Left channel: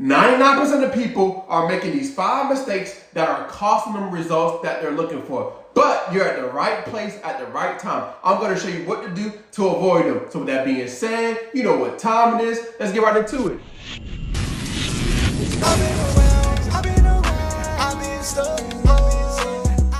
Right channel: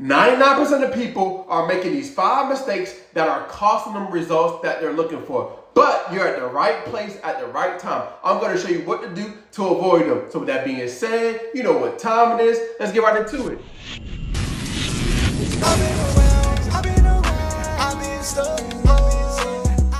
99% of people are making these 5 mistakes that are costing them results that they're looking for. But you're at the right place at the right time. I'm going to show you what to do to avoid them. So with that being said, you know what time it is. Let's get right into it.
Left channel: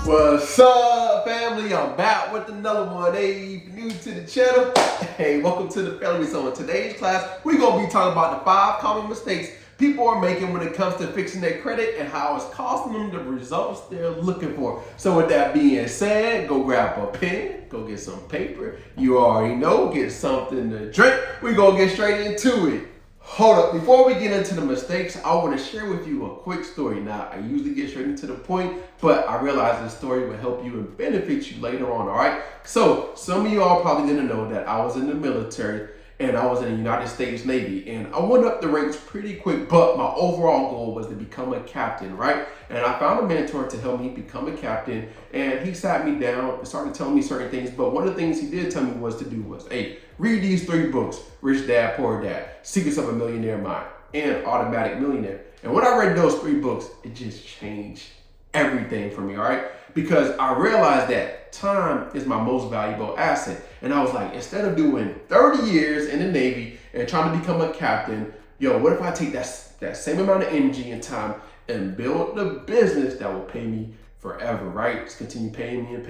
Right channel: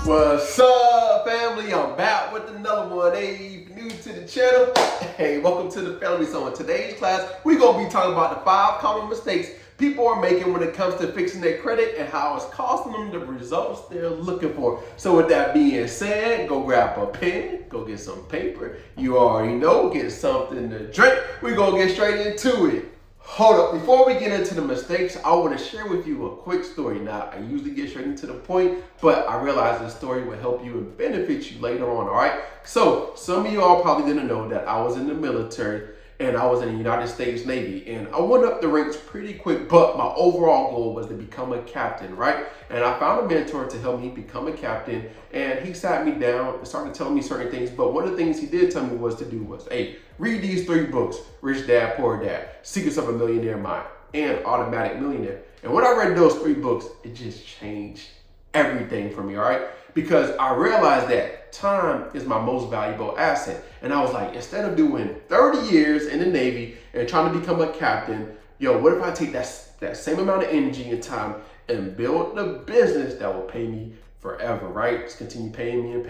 What's up, family? I'm back with another one. Hey, if you're new to the channel, hey, welcome to the family. So in today's class, we're going to be talking about the 5 common mistakes people are making when it comes to fixing their credit and how it's costing them the results they're looking for. So with that being said, go grab a pen, go get some paper. You already know, get something to drink. We're going to get straight into it. Hold up, before we get into the mistakes, I want to share with you a quick story. Now, I usually get straight into the point, but I realize this story will help you and benefit you later on, all right? So, some of you all probably didn't know that I was in the military and I was in the United States Navy, and I went up the ranks pretty quick, but my overall goal was to become a captain, right? And I found a mentor to help me become a captain, and he sat me down and started telling me certain things, but one of the things he did tell me was to do was, hey, read these 3 books, Rich Dad, Poor Dad, Secrets of a Millionaire Mind, and Automatic Millionaire. And when I read those 3 books, it just changed everything for me, all right? Because I realized that time is my most valuable asset. And I was like, instead of doing 30 years in the Navy and trying to become a captain, what if I take that same amount of energy and time and build the business that will pay me forever, right? Just continue paying me,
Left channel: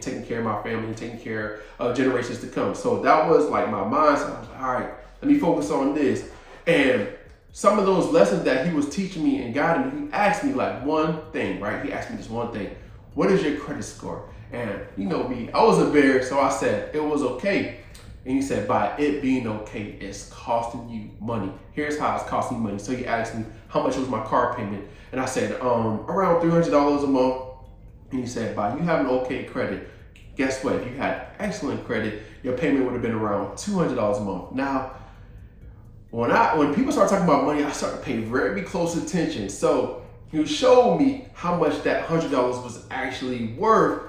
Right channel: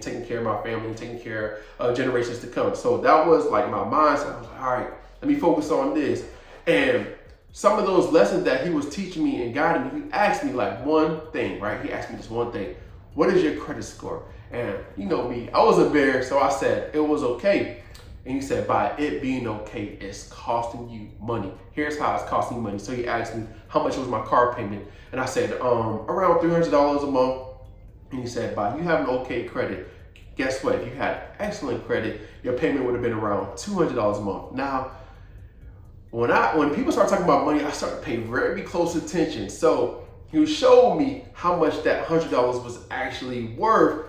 taking care of my family and taking care of generations to come. So that was like my mindset. I was like, all right, let me focus on this. And some of those lessons that he was teaching me and guiding me, he asked me like one thing, right? He asked me this one thing. What is your credit score? And you know me, I was a bear, so I said it was okay. And he said, by it being okay, it's costing you money. Here's how it's costing you money. So he asked me how much was my car payment. And I said, around $300 a month. And he said, by you having okay credit, guess what? If you had excellent credit, your payment would have been around $200 a month. Now, when people start talking about money, I start to pay very close attention. So he showed me how much that $100 was actually worth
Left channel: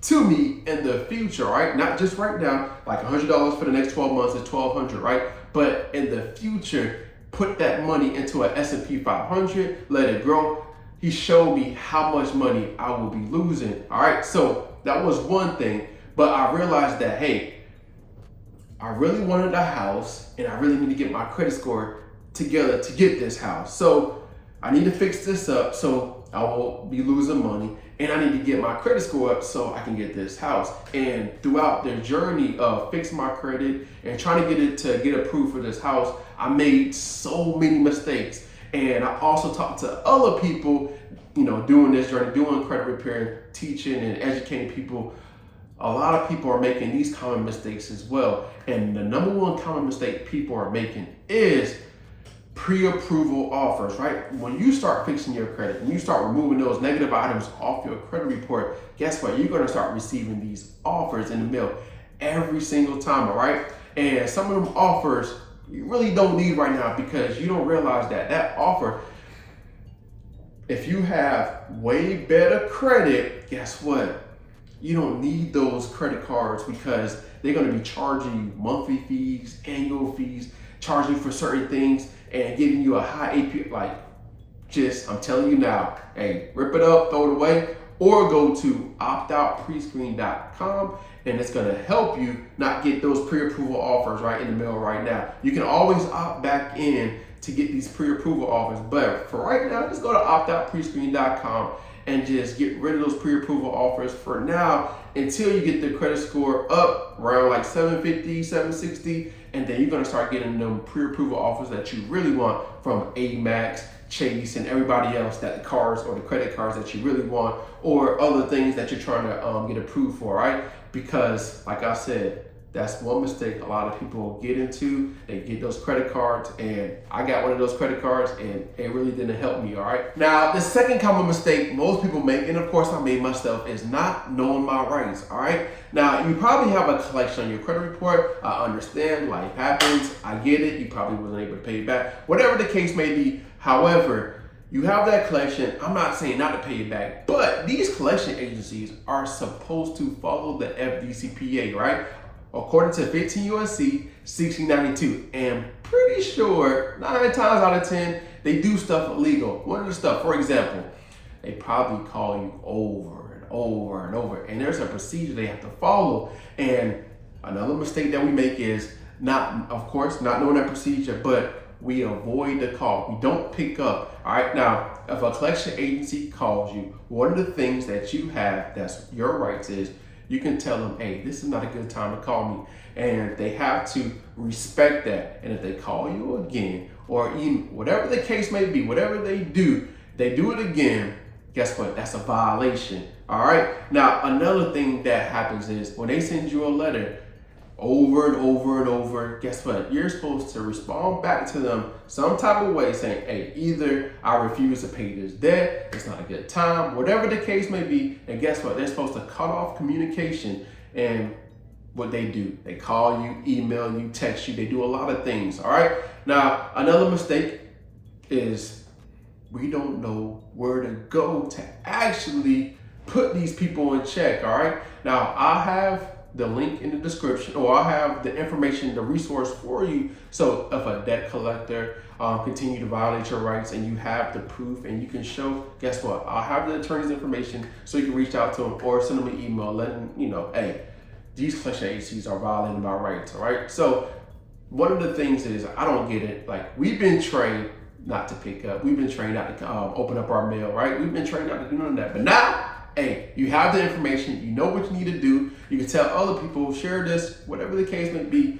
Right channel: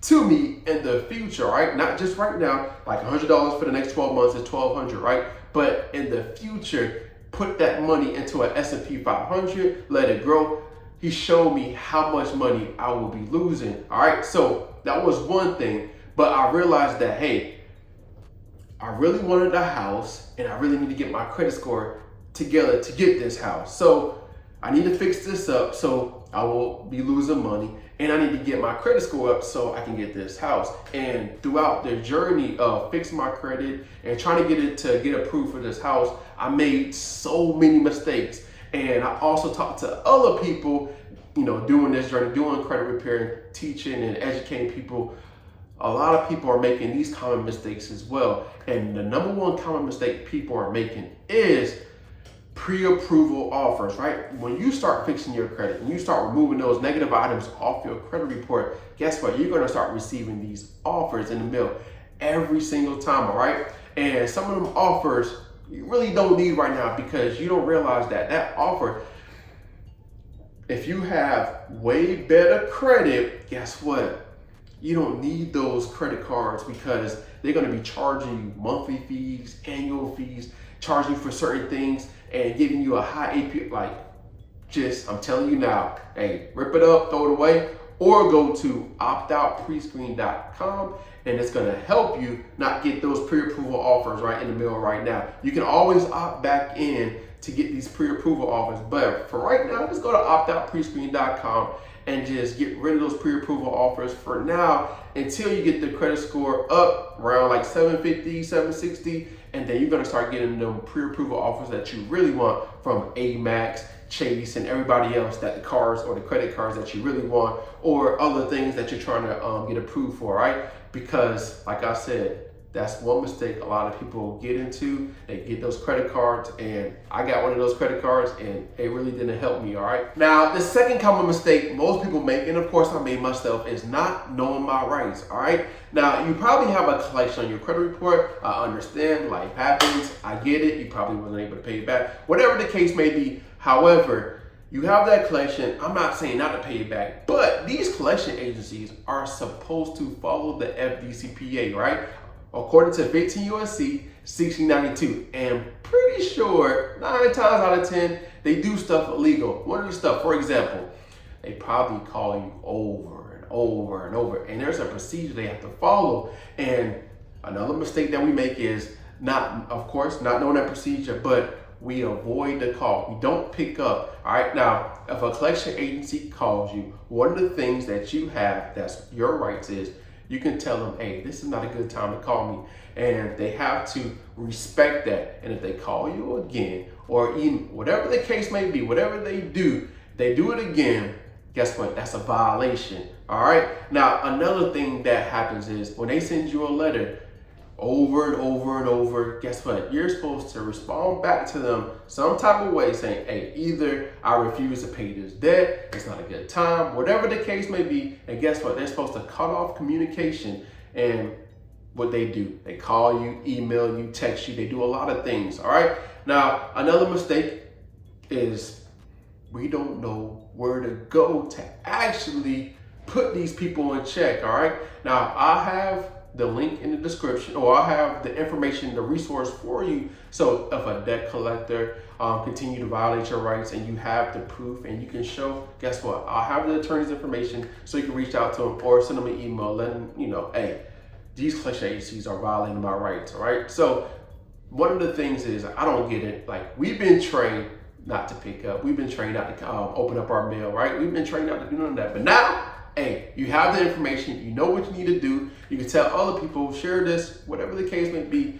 to me in the future, right? Not just right now, like $100 for the next 12 months is $1,200, right? But in the future, put that money into an S&P 500, let it grow. He showed me how much money I will be losing, all right? So that was one thing, but I realized that, hey, I really wanted a house and I really need to get my credit score together to get this house. So I need to fix this up so I won't be losing money, and I need to get my credit score up so I can get this house. And throughout the journey of fixing my credit and trying to get approved for this house, I made so many mistakes. And I also talked to other people, doing this journey, doing credit repair, teaching and educating people. A lot of people are making these common mistakes as well. And the number one common mistake people are making is pre-approval offers, right? When you start fixing your credit and you start removing those negative items off your credit report, guess what? You're going to start receiving these offers in the mail every single time, all right? And some of them offers you really don't need right now because you don't realize that offer, if you have way better credit, guess what? You don't need those credit cards because they're going to be charging you monthly fees, annual fees, charging you for certain things and giving you a high APR. I'm telling you now, hey, rip it up, throw it away, or go to optoutprescreen.com and it's going to help you not get those pre-approval offers right in the mail right now. You can always opt back in to get these pre-approval offers, but for right now, just go to optoutprescreen.com and just get rid of those pre-approval offers for now until you get the credit score up around like 750, 760, and then you're gonna start getting them pre-approval offers that you really want from Amex, Chase, and everybody else, that the cars or the credit cards that you really want, or other things that you're trying to get approved for, right? Because like I said, that's one mistake a lot of people get into. They get those credit cards, and I got one of those credit cards and it really didn't help me, all right? Now, the second common mistake most people make, and of course I made myself, is not knowing my rights, all right? Now, you probably have a collection on your credit report. I understand, life happens, I get it. You probably wasn't able to pay it back, whatever the case may be. However, you have that collection. I'm not saying not to pay it back, but these collection agencies are supposed to follow the FDCPA, right? according to 15 USC 1692. And pretty sure 9 times out of 10, they do stuff illegal. One of the stuff, for example, they probably call you over and over and over. And there's a procedure they have to follow. And another mistake that we make is not knowing that procedure, but we avoid the call. We don't pick up. All right. Now, if a collection agency calls you, one of the things that you have that's your rights is you can tell them, hey, this is not a good time to call me. And they have to respect that. And if they call you again, or even whatever the case may be, whatever they do it again, guess what? That's a violation. All right. Now, another thing that happens is when they send you a letter over and over and over, guess what? You're supposed to respond back to them some type of way saying, hey, either I refuse to pay this debt, it's not a good time, whatever the case may be. And guess what? They're supposed to cut off communication. And what they do, they call you, email you, text you, they do a lot of things. All right. Now, another mistake is we don't know where to go to actually put these people in check. All right. Now, I have the link in the description, or I'll have the information, the resource for you. So if a debt collector continue to violate your rights and you have the proof and you can show, guess what? I'll have the attorney's information so you can reach out to them or send them an email letting you know, hey, these collection agencies are violating my rights. All right. So one of the things is I don't get it. Like, we've been trained not to pick up. We've been trained not to open up our mail, right? We've been trained not to do none of that. But now, hey, you have the information, you know what you need to do. You can tell other people, share this, whatever the case may be.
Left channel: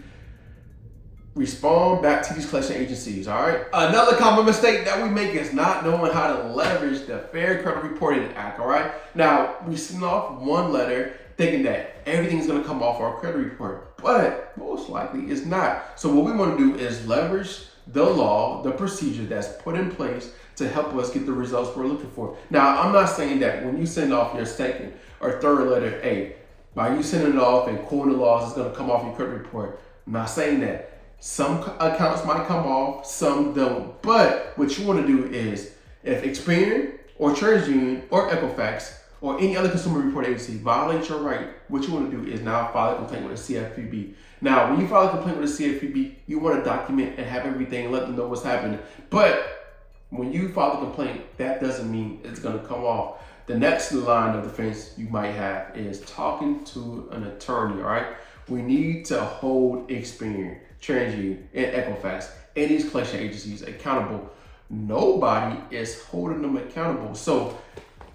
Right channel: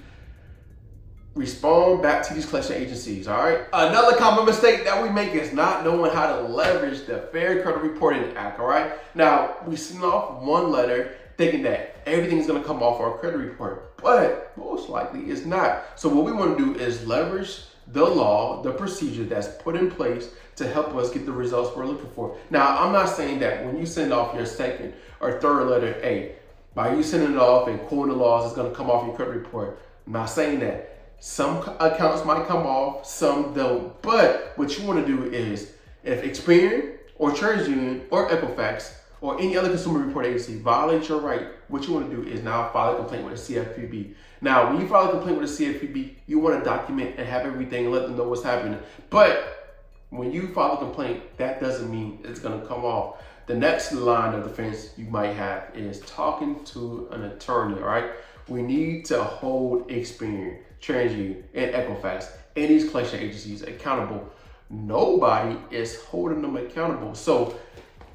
Respond back to these collection agencies, all right? Another common mistake that we make is not knowing how to leverage the Fair Credit Reporting Act, all right? Now, we send off one letter thinking that everything's gonna come off our credit report, but most likely it's not. So what we wanna do is leverage the law, the procedure that's put in place to help us get the results we're looking for. Now, I'm not saying that when you send off your second or third letter, hey, by you sending it off and quoting the laws, it's gonna come off your credit report. I'm not saying that. Some accounts might come off, some don't. But what you wanna do is, if Experian or TransUnion or Equifax or any other consumer report agency violates your right, what you wanna do is now file a complaint with the CFPB. Now, when you file a complaint with the CFPB, you want to document and have everything and let them know what's happening. But when you file a complaint, that doesn't mean it's going to come off. The next line of defense you might have is talking to an attorney, all right? We need to hold Experian, TransUnion, and Equifax and these collection agencies accountable. Nobody is holding them accountable. So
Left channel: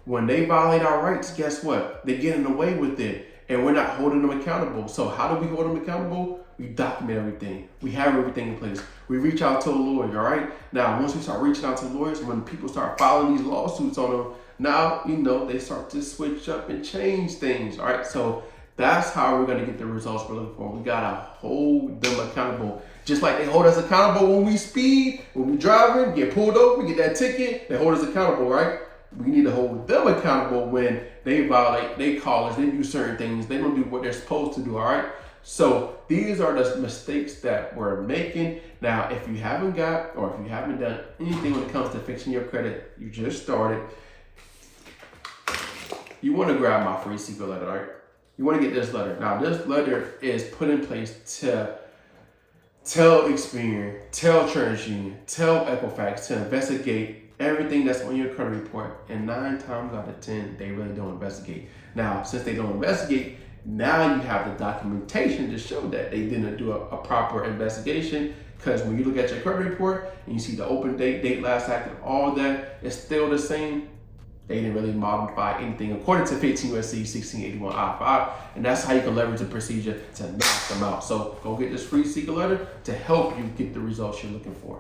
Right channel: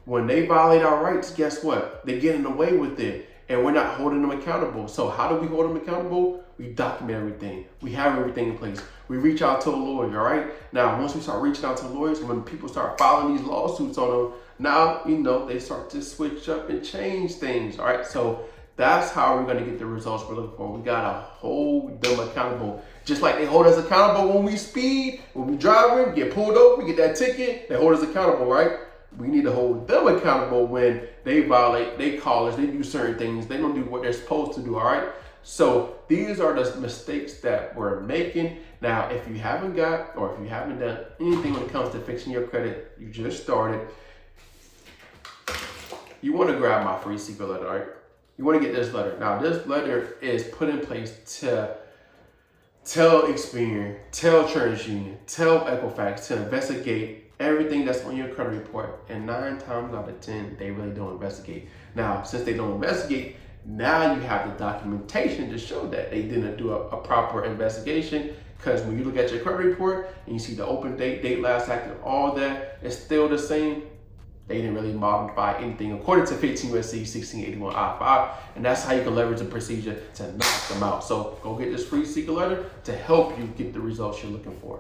when they violate our rights, guess what? They're getting away with it. And we're not holding them accountable. So how do we hold them accountable? We document everything. We have everything in place. We reach out to a lawyer, all right? Now, once we start reaching out to lawyers, when people start filing these lawsuits on them, now, you know, they start to switch up and change things, all right? So that's how we're gonna get the results we're looking for. We gotta hold them accountable. Just like they hold us accountable when we speed, when we driving, get pulled over, get that ticket, they hold us accountable, right? We need to hold them accountable when they violate, they call us, they do certain things, they don't do what they're supposed to do, all right? So these are the mistakes that we're making. Now, if you haven't got, or if you haven't done anything when it comes to fixing your credit, you just started, you wanna grab my free secret letter, all right? You wanna get this letter. Now, this letter is put in place to tell Experian, tell TransUnion, tell Equifax to investigate everything that's on your credit report, and 9 times out of 10, they really don't investigate. Now, since they don't investigate, now you have the documentation to show that they didn't do a proper investigation, because when you look at your credit report and you see the open date last active, all that, it's still the same. They didn't really modify anything according to 15 USC 1681 I-5, and that's how you can leverage the procedure to knock them out. So go get this free secret letter to help you get the results you're looking for.